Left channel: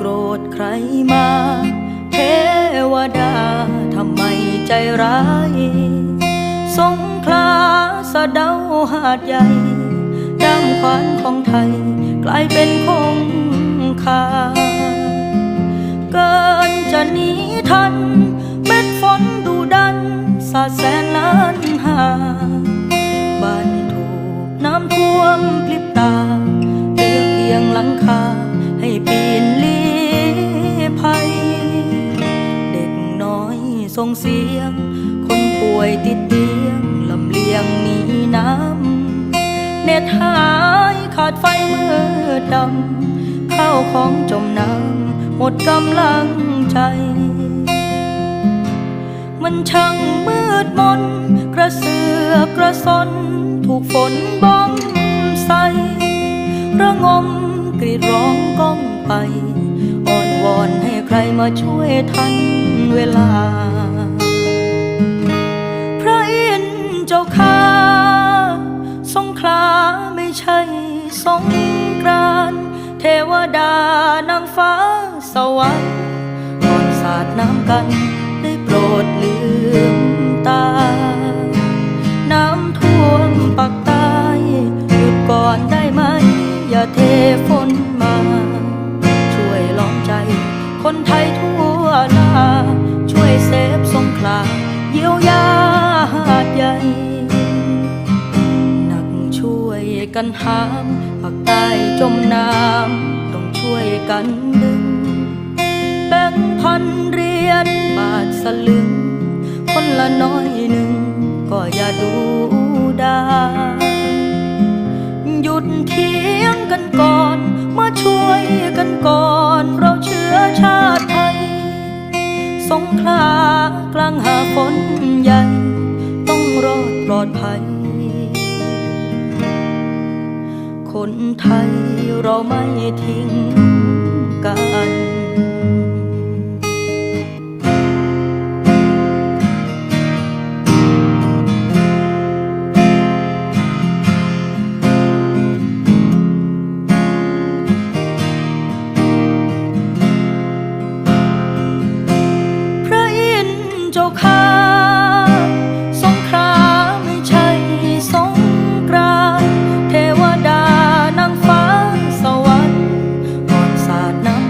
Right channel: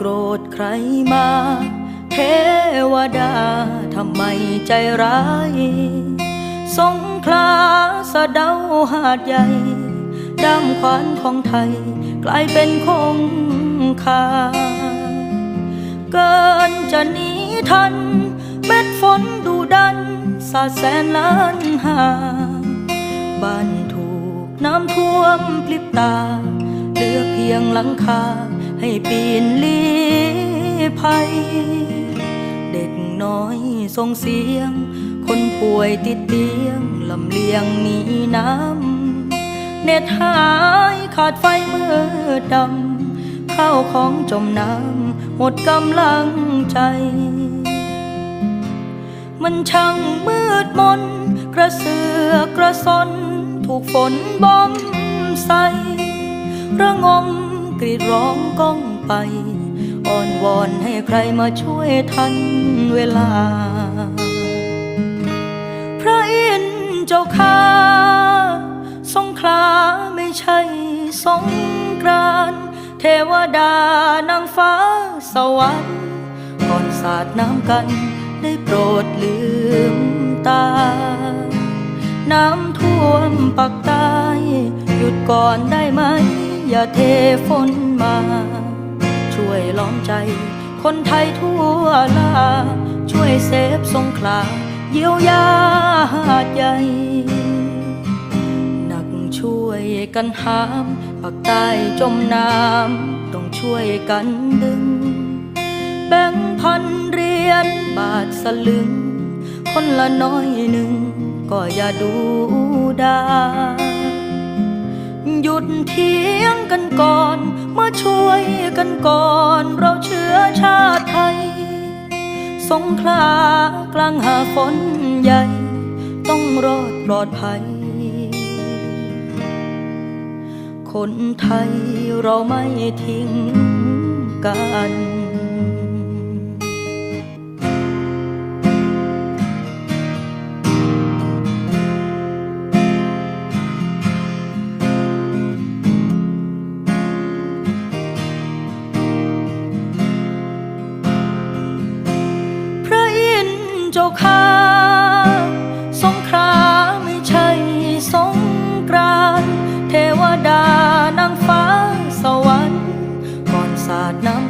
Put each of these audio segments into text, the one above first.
โกรธใครมา เทวดาทำไมใจร้าย สงขลาสะเดาหาดใหญ่ด้ามขวานของไทย กลายเป็นคงคา เกินจะหนีทัน เม็ดฝนดูดัน สาแสนล้านหา บ้านถูกน้ำท่วมพลิบตาเหลือเพียงหลังคา ให้ปีนลีภัย เด็กน้อยส่งเสียง คนป่วยติดเตียงลำเลียงหนีน้ำเน็ตหายขาดไฟมืดดำข้าวของจมน้ำหมดกำลังใจ มันช่างมืดมน กระเสือกกระสน ถูกฝนบ้อมใสระงม กรีดร้องก้องไปอ้อนวอนให้ใครมาช่วยทันเวลา พระอินทร์เจ้าข้าสงขลาไม่ใช่สงกรานเทวดานางฟ้าสวรรค์ก่อนสาดน้ำกันได้โปรดลืมตา น้ำท่วมปักใต้หยุดก่อนได้ไหม อย่าเทฝนมา ช่วยล้อมใจ คนไทยทั่วลา ช่วยเซฟสงขลาเยียวยาหาดใหญ่หนักช่วยกันหามปักใต้จมน้ำต้องช่วยกันดึง แบ่งพันเรียญบาทสลึง คนละน้อยหนึ่งก็อย่าดูดา หยุดเถียงกันก่อน มาช่วยกันก่อน เราเชื้อชาติไทย สงขลากลางหาฝนใหญ่ ต้องรอดปลอดภัย คนไทยเราไม่ทิ้งกัน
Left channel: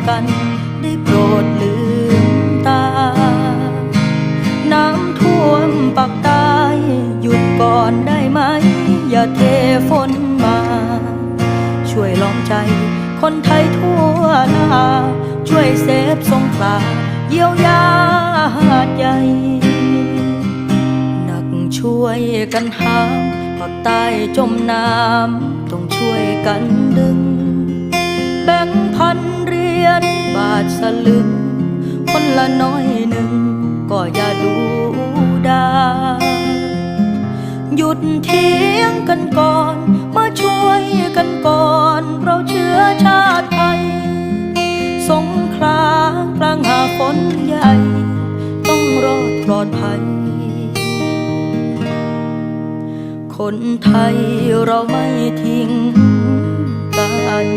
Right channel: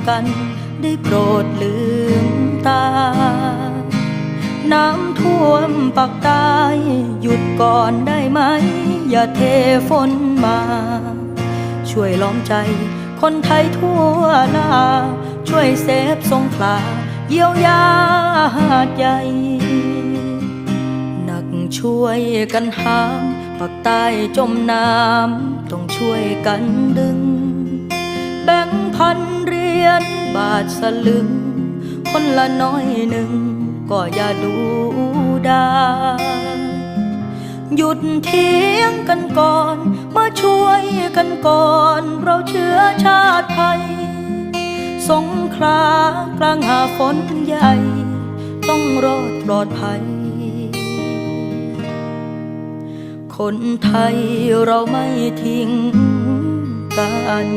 กัน ได้โปรดลืมตา น้ำท่วมปักใต้หยุดก่อนได้ไหม อย่าเทฝนมา ช่วยล้อมใจ คนไทยทั่วลา ช่วยเซฟสงขลา เยียวยาหาดใหญ่หนักช่วยกันหามปักใต้จมน้ำต้องช่วยกันดึง แบ่งพันเรีย ญบาทสลึง คนละน้อยหนึ่ง ก็อย่าดูดาหยุดเถียงกันก่อน มาช่วยกันก่อน เราเชื้อชาติไทย สงขลากลางหาฝนใหญ่ ต้องรอดปลอดภัย คนไทยเราไม่ทิ้งกัน